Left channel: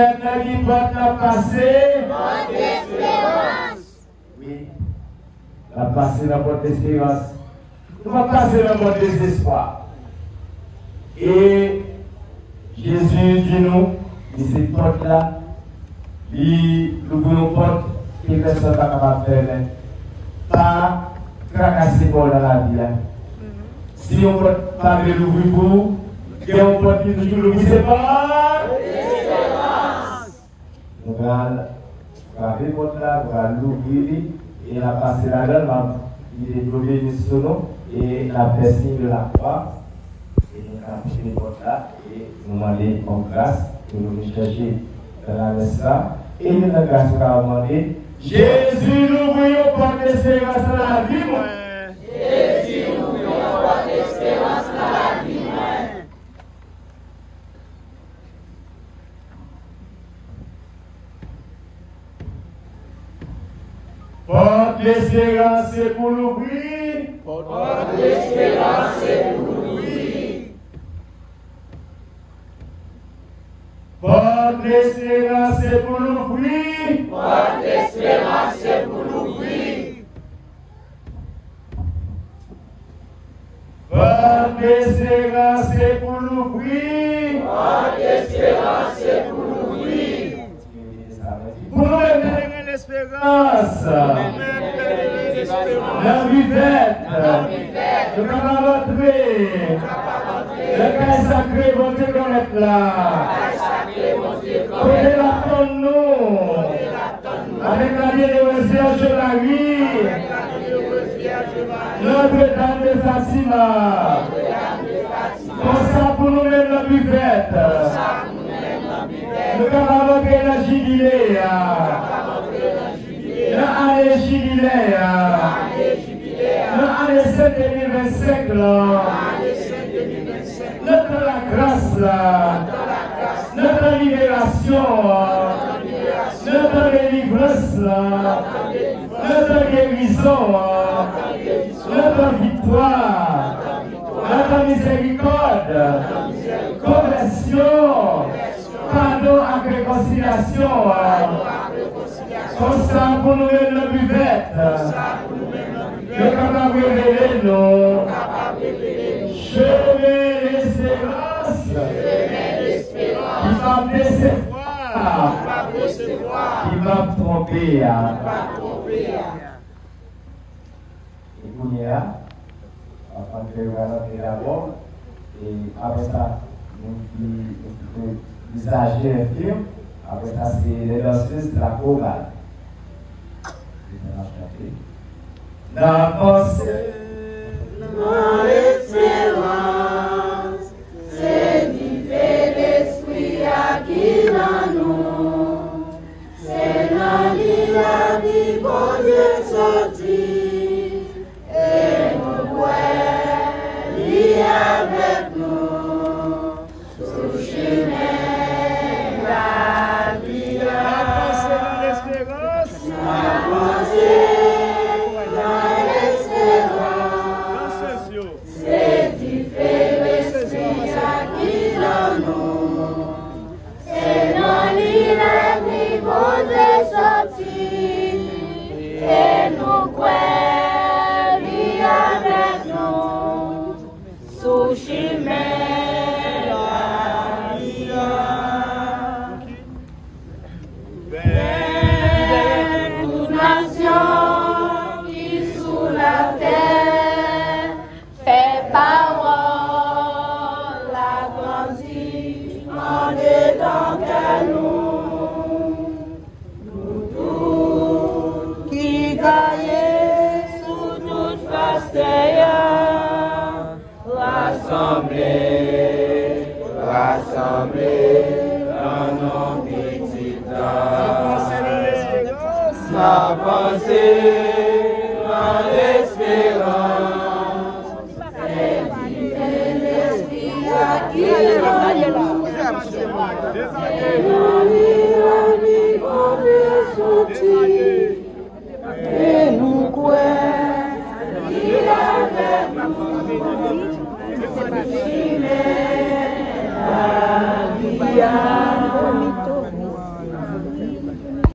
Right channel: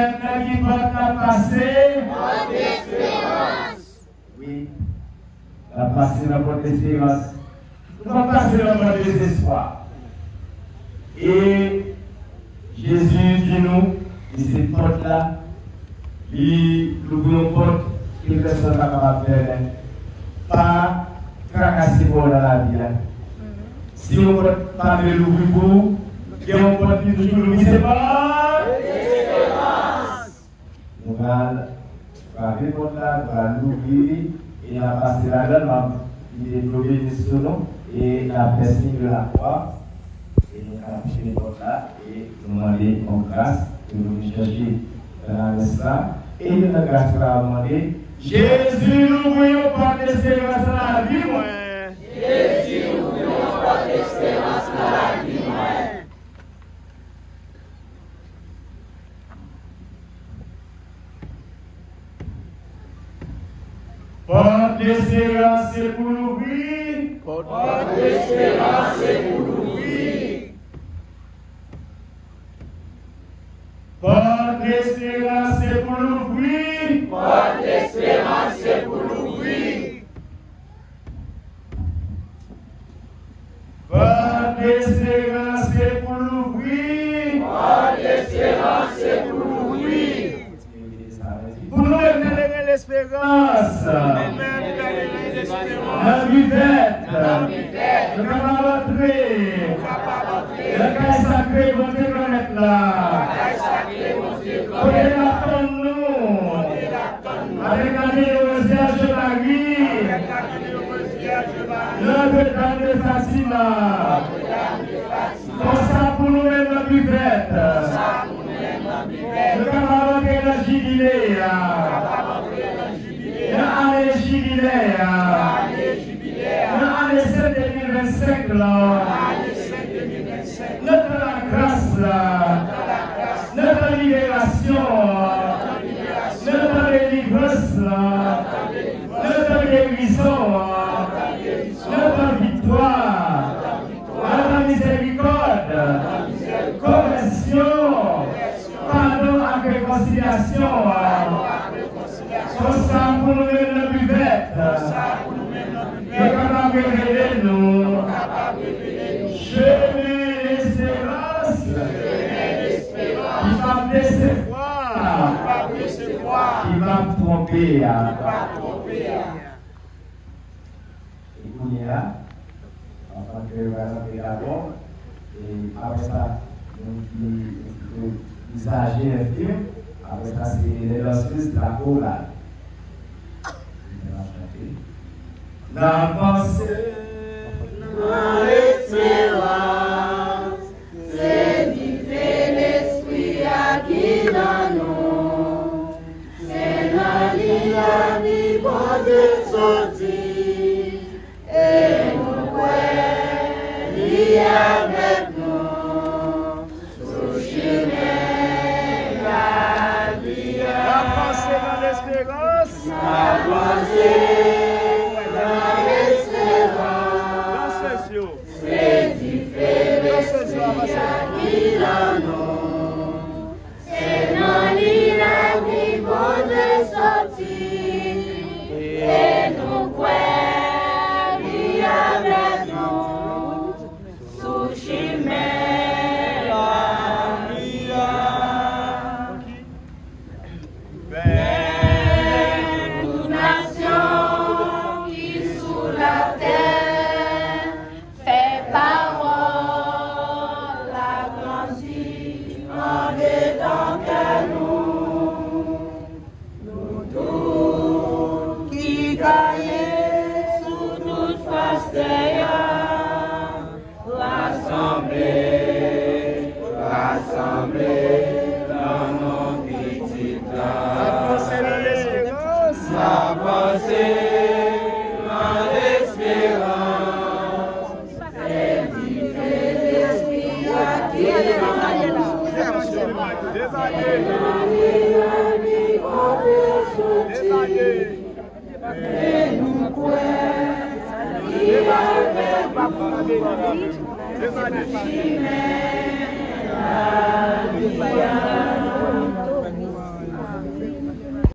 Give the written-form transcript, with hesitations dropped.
maintenant qui va passer. Oui. La passer dans votre espérance. Nous va passer dans votre désespoir. Et Jésus dit nous, et cette porte-là, il ouvre nos portes, et personne n'a pas faire. Pas tracasser pour la vie. Si on ne peut pas l'ouvrir pour vous, et on peut toujours l'ouvrir, c'est pas. On va frapper la porte-là, on va l'ouvrir, et on va passer la gueule, il est levé sur nous, et on a fait signe de la croix. Et nous avons touché les portes là et nous demandons en grâce que nous chercher dans la cela. Et nous avons grâce pour demander Jésus, nous voulons pas d'espérance dans la vie. Jésus, nous voulons pas d'espérance dans la vie. Porte d'espérance, c'est pour l'ouvrir. Porte d'espérance, c'est pour l'ouvrir. Porte d'espérance, c'est pour l'ouvrir. Porte d'espérance, c'est pour l'ouvrir. Porte d'espérance, c'est pour l'ouvrir. Porte d'espérance, c'est pour l'ouvrir. Pour nous donner l'espérance. La vivette. Nous allons entrer. Le cas sacré, vous devez connaître là. Prenez l'attendons. Avec la Vierge Marie. Notre-Dame de Fatima. Comme ça pour nous mettre la vivette. Nous allons invoquer le jubilé. L'année jubilaire. L'année 7 2025. Notre grâce là. Notre libération. Notre délivrance. Notre guérison. Notre victoire. Notre miséricorde. Conversion. Pardon et réconciliation. Constant pour nous mettre nos buvettes. Nous sommes capables de révéler nous. Chemin d'espérance. Il va me décevoir. Il va me tromper. Et pour y aller, avant que nous allions d'abord, et après ça, nous agir les films. Après ça, c'est les danseuses de la chorale. La pensée, mon espérance, c'est vivre l'esprit à qui dans nous. C'est la vie, bon Dieu sorti. Et nous pouvons lui avec nous. Sous chemin, la vie. La pensée dans l'espérance. La pensée. C'est différent, c'est qui dans nous. C'est non l'île bon Dieu sorti. Et nous pouvons avec nous. Sous chemin, la vie. Toute nation qui sous la terre. La